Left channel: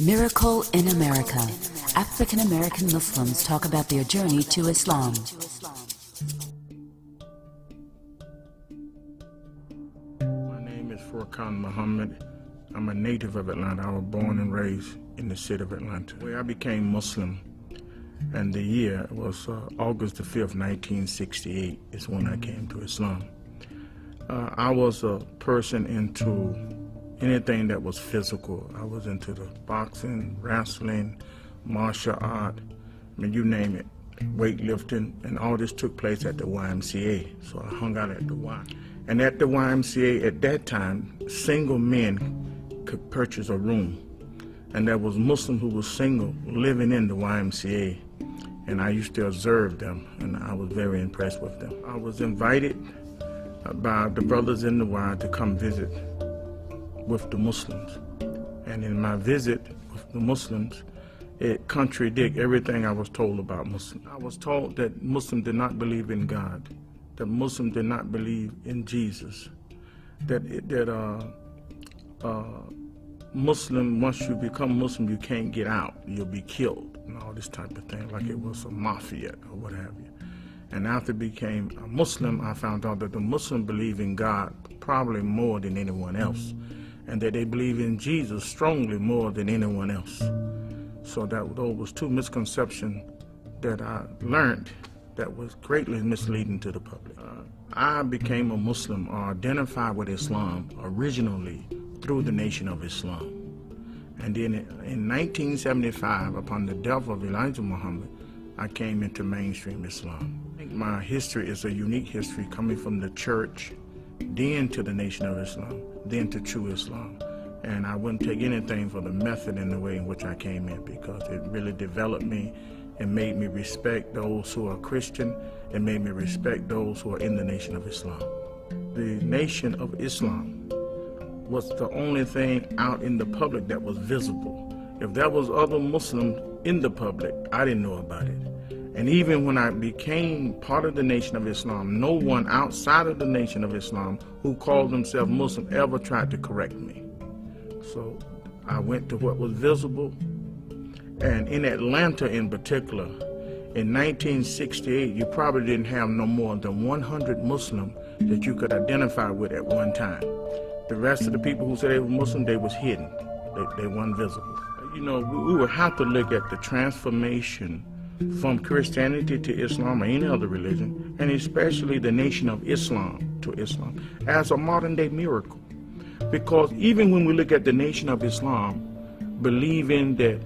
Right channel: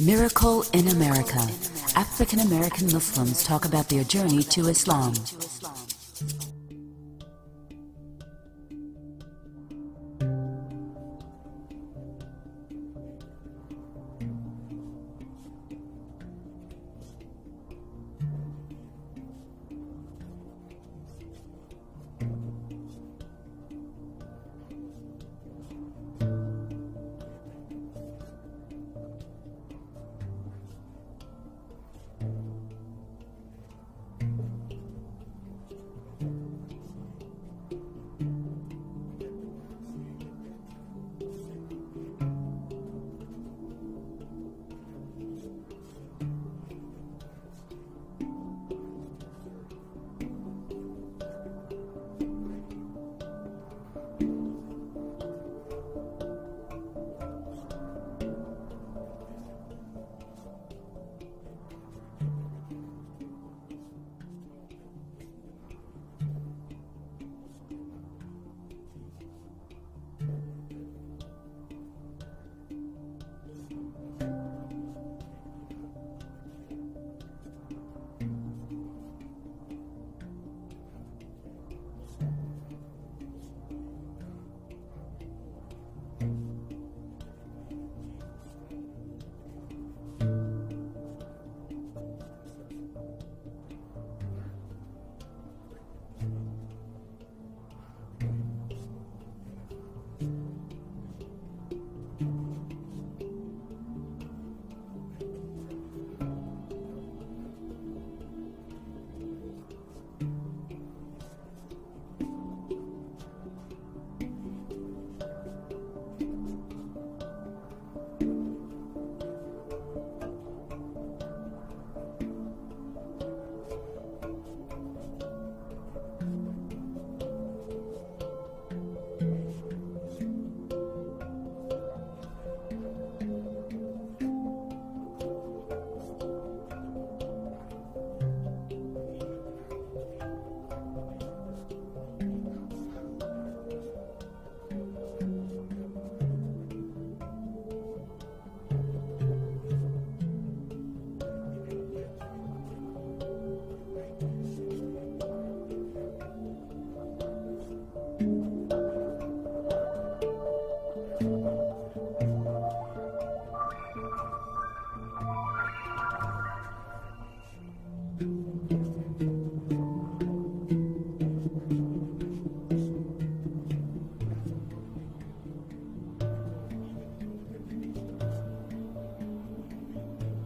Miracle in America. African American Muslims talk about their journey to Islam. My name is Furqan Muhammad. I'm a native of Atlanta. I was born and raised in the city of Atlanta, where I became Muslim. And the year was August the 5th, 1968 is when I came to Islam. I was a person into anything that was physical. I was into the boxing, wrestling, martial art, I mean, you name it, weightlifting, and all this took place at the YMCA. So I hung out at the Y. And at the YMCA at that time, single men could purchase a room. And there was Muslims who were single living in the YMCA. And I used to observe them, and I was very impressed with them. I was invited by the brothers in the Y to come visit with the Muslims. And in my visit with the Muslims, it contradicted everything I was told about Muslims. I was told that Muslims did not believe in God, that Muslims did not believe in Jesus, that Muslim, once you become Muslim, you can't get out, you'll be killed, and all this type of thing, like it was a mafia or what have you. And after I became a Muslim, I found out that the Muslims believe in God probably more than anyone else, and that they believe in Jesus strongly more than anyone else. So that those was two misconceptions that I learned that was greatly misleading to the public. I became a Muslim or identified with Islam originally through the Nation of Islam. And then in 1975, upon the death of Elijah Muhammad, I came into mainstream Islam. I think my history is a unique history coming from the church, then to the Nation of Islam, then to true Islam. And I wouldn't take anything for the method and the way in which I came in, because it really developed me and made me respect those who are Christian and made me respect those who are in the Nation of Islam. The Nation of Islam was the only thing out in the public that was visible. If there was other Muslims in the public, I didn't know about it. And even when I became part of the Nation of Islam, no one outside of the Nation of Islam who called themselves Muslim ever tried to correct me. So I went to what was visible. And in Atlanta in particular, in 1968, you probably didn't have no more than 100 Muslims that you could identify with at one time. The rest of the people who said they were Muslim, they was hidden. They weren't visible. You know, we would have to look at the transformation from Christianity to Islam or any other religion, and especially the Nation of Islam to Islam, as a modern day miracle. Because even when we look at the Nation of Islam, believing that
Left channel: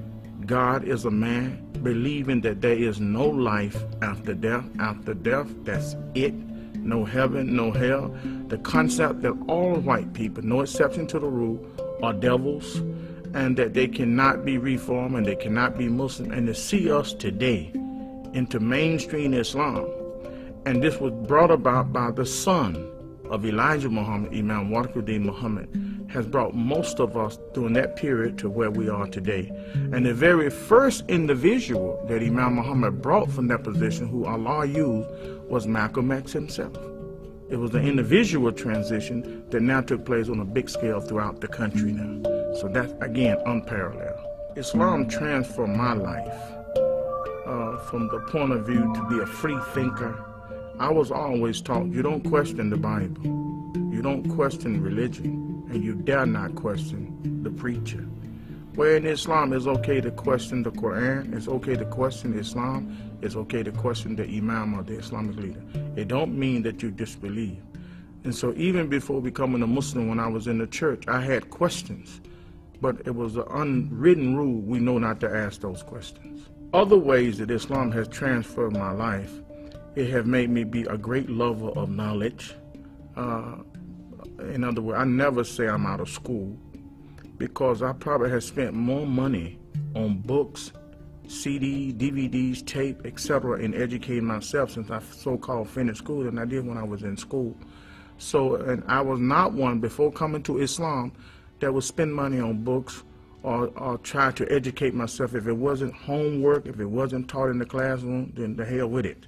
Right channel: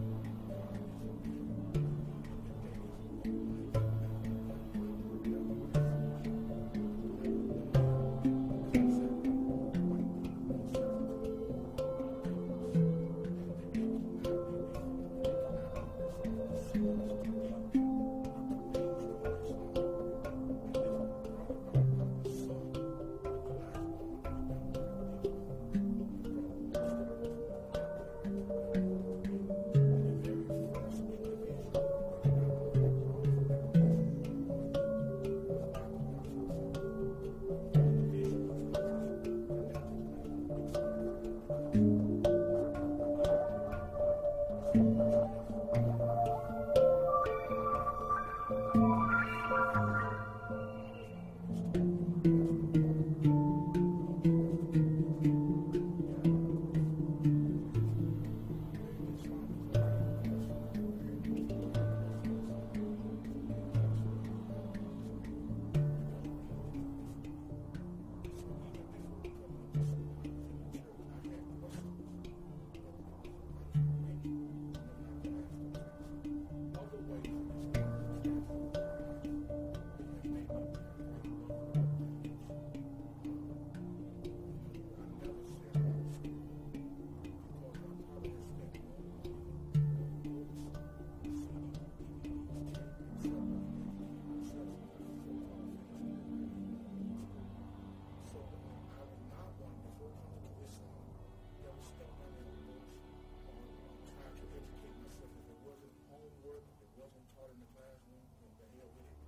God is a man, believing that there is no life after death, that's it, no heaven, no hell, the concept that all white people, no exception to the rule, are devils, and that they cannot be reformed and they cannot be Muslim, and to see us today into mainstream Islam. And this was brought about by the son of Elijah Muhammad, Imam Waqi'uddin Muhammad, has brought most of us during that period to where we are today. And the very first individual that Imam Muhammad brought from that position, who Allah used, was Malcolm X himself. It was an individual transition that now took place on a big scale throughout the country now. So that's, again, unparalleled. Islam transformed my life from the point of view to be a free thinker. I was always taught, you don't question the Bible, you don't question religion, and you dare not question the preacher. Where in Islam it's okay to question the Quran, it's okay to question Islam, it's okay to question the Imam or the Islamic leader. It don't mean that you disbelieve. And so even before becoming a Muslim, when I was in the church, I had questions. But it was an unwritten rule, we know not to ask those questions. Other ways that Islam has transformed my life, it has made me be a great lover of knowledge. In other words, I never say I'm out of school, because I probably have spent more money on books, CDs, DVDs, tape, etc. in educating myself since I so-called finished school than I did when I was in school. So, and I was not one before coming to Islam that would spend money on books or try to educate myself. If it wasn't homework, if it wasn't taught in the classroom, then the hell with it.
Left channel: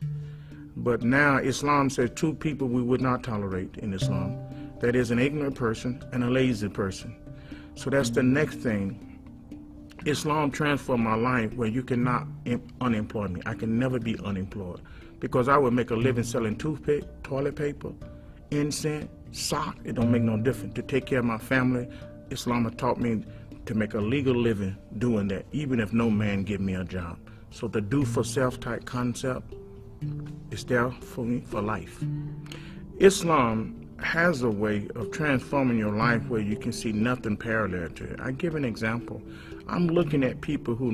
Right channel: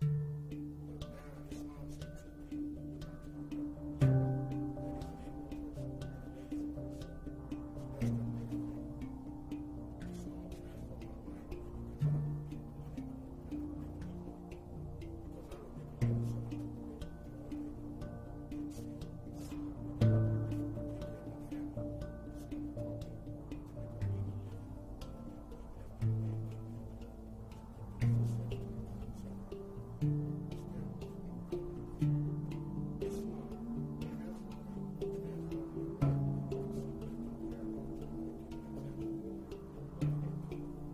But now Islam says two people we would not tolerate in Islam. That is an ignorant person and a lazy person. So that's the next thing Islam transformed my life where you cannot unemploy me. I can never be unemployed because I would make a living selling toothpick, toilet paper, incense, sock. It don't make no difference. To take care of my family, Islam has taught me to make a legal living doing that, even if no man give me a job. So the do for self type concept is there for me for life. Islam has a way of transforming your life where you can see nothing parallel to it. I give an example. I'm looking at people who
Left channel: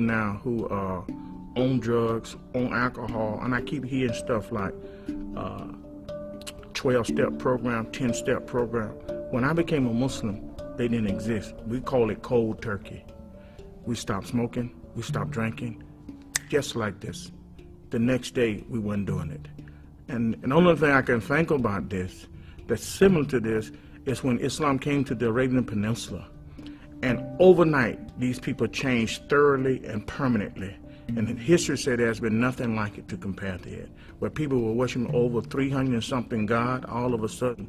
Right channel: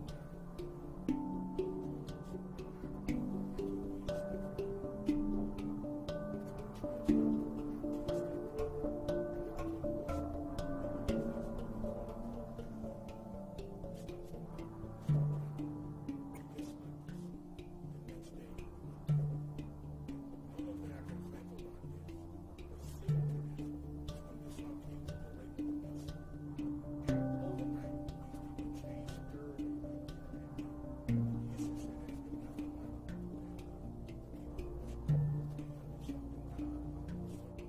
own drugs, own alcohol, and I keep hearing stuff like 12-step program, 10-step program. When I became a Muslim, they didn't exist. We call it cold turkey. We stopped smoking, we stopped drinking, just like this. The next day, we weren't doing it. And the only thing I can think about this that's similar to this is when Islam came to the Arabian Peninsula. And overnight, these people changed thoroughly and permanently. And in history said there's been nothing like it to compare to it. Where people were worshiping over 300 and something God, all of a sudden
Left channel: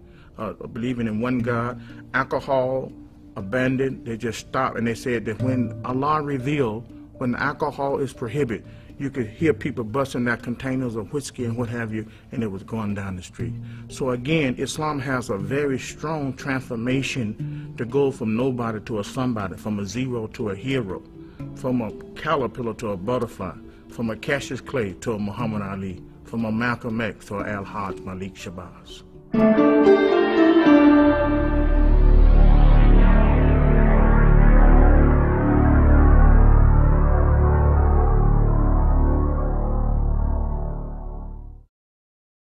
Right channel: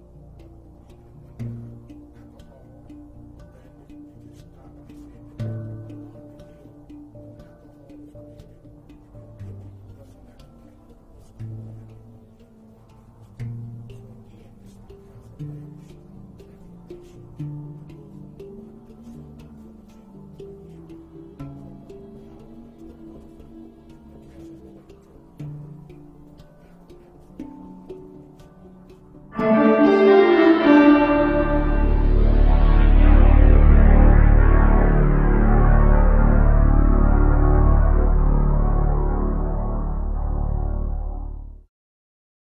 believing in one God. Alcohol abandoned, they just stopped. And they said that when Allah revealed, when alcohol is prohibited, you could hear people busting out containers of whiskey and what have you, and it was going down the street. So again, Islam has a very strong transformation to go from nobody to a somebody, from a zero to a hero, from a caterpillar to a butterfly, from a Cassius Clay to a Muhammad Ali, from a Malcolm X to a Al-Hajj Malik Shabazz.